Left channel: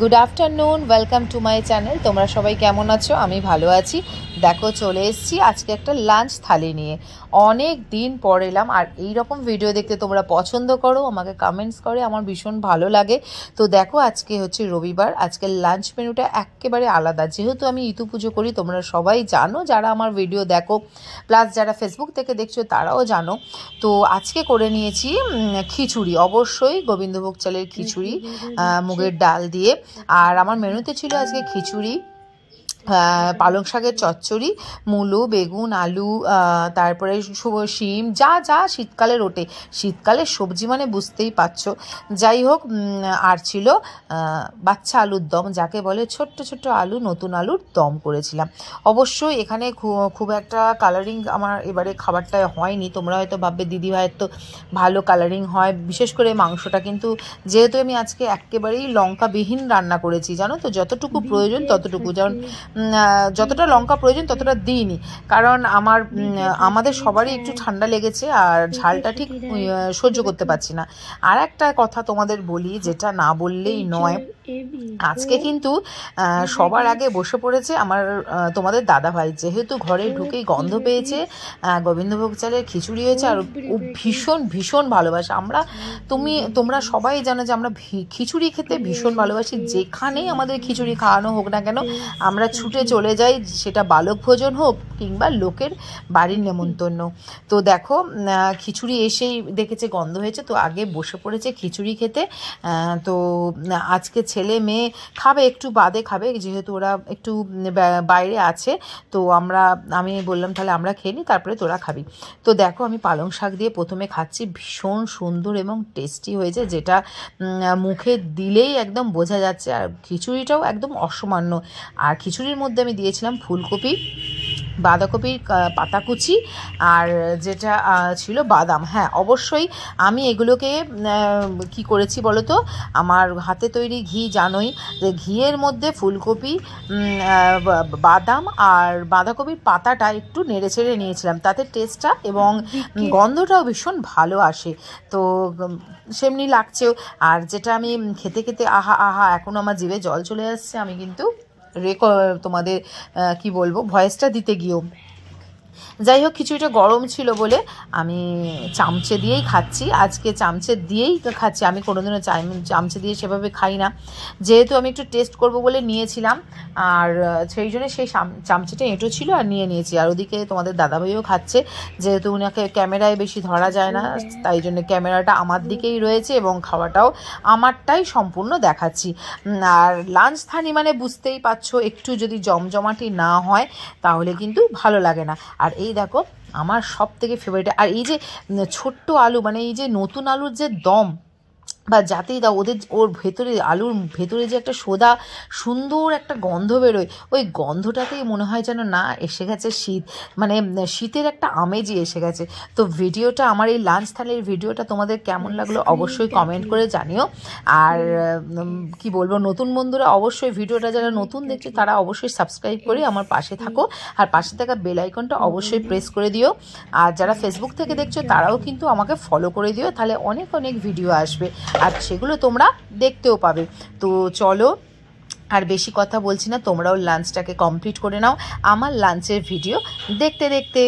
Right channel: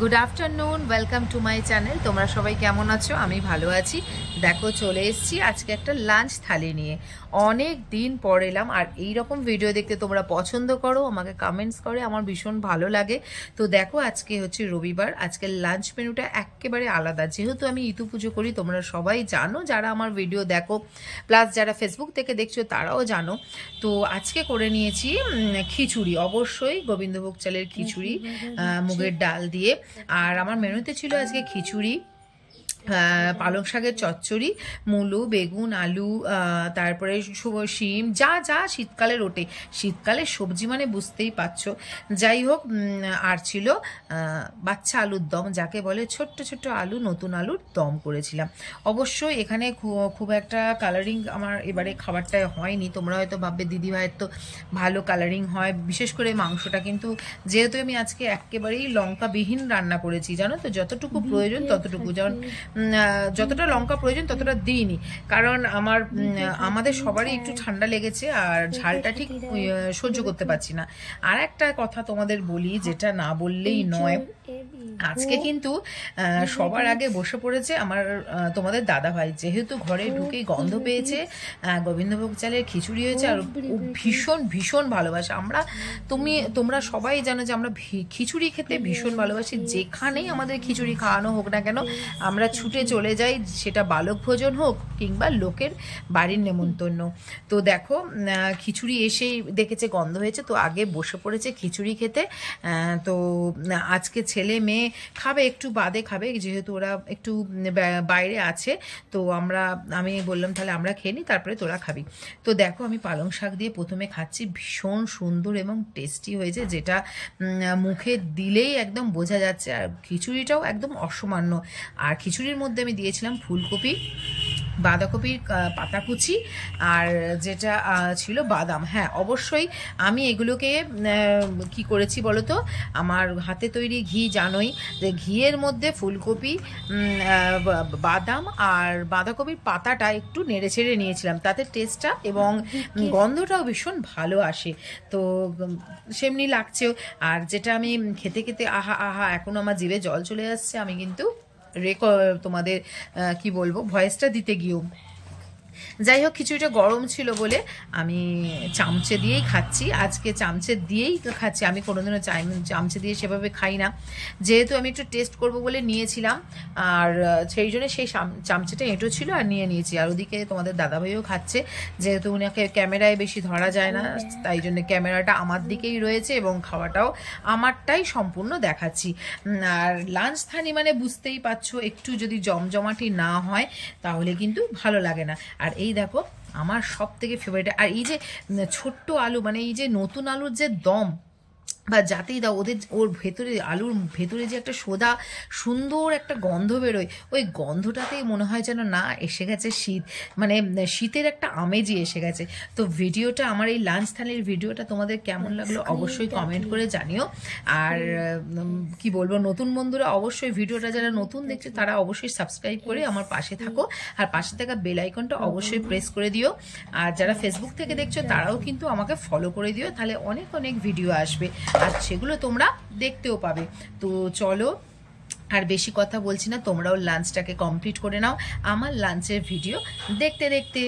Good afternoon welcome to my channel. তোমরা সবাই কেমন আছো? আমি ভালো আছি। দেখো চলে এসেছি আজকে একটা লাঞ্চ থালি নিয়ে। অনেক দিন পর এলাম, আর এই রকম ভিডিও দেখতে তোমরা পছন্দ করো, আমাকে কমেন্টস করে, আমার ভীষণ ভালো লাগে। তো দেখো আজকে হচ্ছে রবিবার, আজকে লাঞ্চ মেনুটা একেবারে আলাদা। যেহেতু আমি ইতু পুজো করি, তোমরা সবাই জানো, যারা আমার ভিডিও দেখো প্লাস যারা ফেসবুক থেকে দেখছো তারাও জানো। তো আজকে করে নিয়েছি খিচুড়ি, অবশ্যই গোবিন্দভোগ চালের খিচুড়ি মুগের ডাল দিয়ে। আর আমার মেনুতে ছিল আজকে খিচুড়ি, পালং শাকের চচ্চড়ি, মূলো, বেগুন, আলু, তারপরে শিম, যা যা শীতকালের ওঠে, শীতকালের সবজি মানে বুঝতেই পারছো। যাই হোক, আর ছিল বাচ্চা আলুর দম, যাকে বলে ছোট্ট ছোট্ট আলু, নতুন আলুর দম করেছিলাম। অবশ্যই এখানে খুব একটা কালারিং আমার এবারে খাবারটায় হয়নি। তোমরা হয়তো ভাববে দিদিভাইয়ের তো ভালো কালারিং হয়, বিশেষ করে মাংসটা। কিন্তু যেহেতু আমি আজকে একেবারেই লঙ্কাবিহীন রান্না করেছি, জানো তো, যতটুকু প্রয়োজন ততটুকু, যেমন যতটা লঙ্কা প্রয়োজন ততটা দিইনি, কারণ আমাদের সবারই একটু ঠান্ডা লেগেছে আর ঝালটা ঠিক সহ্য করতে পারছি না। আর একটা কথা তোমাদের বলি, যেটা না বললেই নয়, আজকে কিন্তু সবার আগে বসে পড়েছে তোমাদের দাদাভাই। যেহেতু ঘরে ঢুকেই গন্ধ পেয়েছে, গোবিন্দভোগ চালের খিচুড়ি হয়েছে, আর ও ভীষণ ভীষণ ভালোবাসে। তোমরা সবাই জানো যে আমরা খিচুড়ি খেতে ভীষণ ভালোবাসি। যেখানেই আমাদের খিচুড়ি খাওয়ানো হোক না কেন, আমরা ছুটে চলে যাই, সেটা বালক ভোজন হোক কিংবা লোকের বাড়ির নেমন্তন্ন। তো দেখো খিচুড়ি এসেই দেখেছে গন্ধ হয়েছে, তো আগে বসে পড়েছে খিচুড়ি খেতে। তো আজকে ছেলে মেয়ে খাবে, একটু বাদে খাবে, যেহেতু ওরা একটু বাইরে আছে। তো আমি বললাম তাহলে আমরা খেয়ে নিই, তারপরে তোরা খাবি। তো দেখো আমি পালং শাক দিয়ে প্রথমে খাচ্ছি, ভীষণ সুন্দর এবং টেস্টি হয়েছে, যেটা মুখে দিলেই একদম বোঝা যাচ্ছে। আর খিচুড়িটাও একদম অসামান্য। আর খিচুড়ির মধ্যে আমি দিয়েছিলাম ফুলকপি, বাঁধাকপির পাতাকুচি, আর যেটা ছিল বাদাম। হ্যাঁ, অবশ্যই আমি এগুলোকে কি করেছি বলো তো, আমার হাতে তৈরি ঘি জানোই, যে ঘিয়ের মধ্যে ফুলকপি, বাদাম আর বাঁধাকপির পাতাটা একটু নেড়ে ছেড়ে নিয়েছিলাম, তাতে টেস্টটা এবং গন্ধটাও ভীষণ ভালো আসে। তো সেমনি লাগছেও। আর যেটা আমি খেতে খেতে আহা আহা, এখন আমার জিভে জল চলে আসছে। আমি কিন্তু তোমাদের কি বলবো, ভয়েসটা দিতে গিয়েও। যাই হোক, খিচুড়িটা গরম ছিল বলে আমি চামচে দিয়েই খাচ্ছি, আজকে চামচে দিয়েই খাচ্ছি। আমি কোনোদিনও চামচে দিয়ে সেভাবে খাই না, যেহেতু আমি একটু টেস্ট করব বলে নিয়েছিলাম, আর সেই জন্য সেই চামচেটা এঁটো ছিল আর নিয়ে নিয়েছি। আর ওদিকে তোমাদের দাদাভাইও খাচ্ছে, যেহেতু উনাকে ক্যামেরায় বেশি ধরা যায় না, তাই জন্য ক্যামেরাটা আমার দিকেই রয়েছে এবং খাওয়াটাও আমারটাই সম্পূর্ণ দেখাচ্ছি। আর লাঞ্চ থালি মানে বুঝতেই পারছো, একটু যদি জমজমাটি না হয় তাহলে কিন্তু ভালো লাগে না। আর এই দেখো আমার সব থেকে ফেভারিট, আর এই যে ছোট্ট আলু, মানে এই যে নতুন আলুর যে দম বা যাতেই দাও, ওর ভেতরে, আলুর ভেতরে যে একটা সোদা সুন্দর একটা গন্ধ বেরোয়, ওই গন্ধটাতেই মনে হয় যেন না এসে গেছে শীত, মানে শীতের একটা আমেজই এসে গেছে। তো ভিডিওটা, আমার এই লাঞ্চ থালির ভিডিওটা তোমাদের কেমন লাগলো অবশ্যই কমেন্ট করে জানিও। আর কি বলবো, নতুন বন্ধুরা অবশ্যই ভিডিওটা যারা নতুন দেখছো তারা অবশ্যই সাবস্ক্রাইব করে আমার পাশে থাকো, আর পাশে থাকা বেল আইকনটা অবশ্যই প্রেস করে দিও। আর যারা ফেসবুক থেকে দেখছো তারাও কিন্তু আমাকে ফলো করে দিও, তাহলে অনেক অনেক ভিডিও আসবে আর সেগুলো তোমরা দেখতেও পাবে। তো চলো আর বেশি কথা বলছি না, তোমরাও লাঞ্চটাকে কমপ্লিট করে নাও আমার লাঞ্চের ভিডিও দেখতে দেখতে।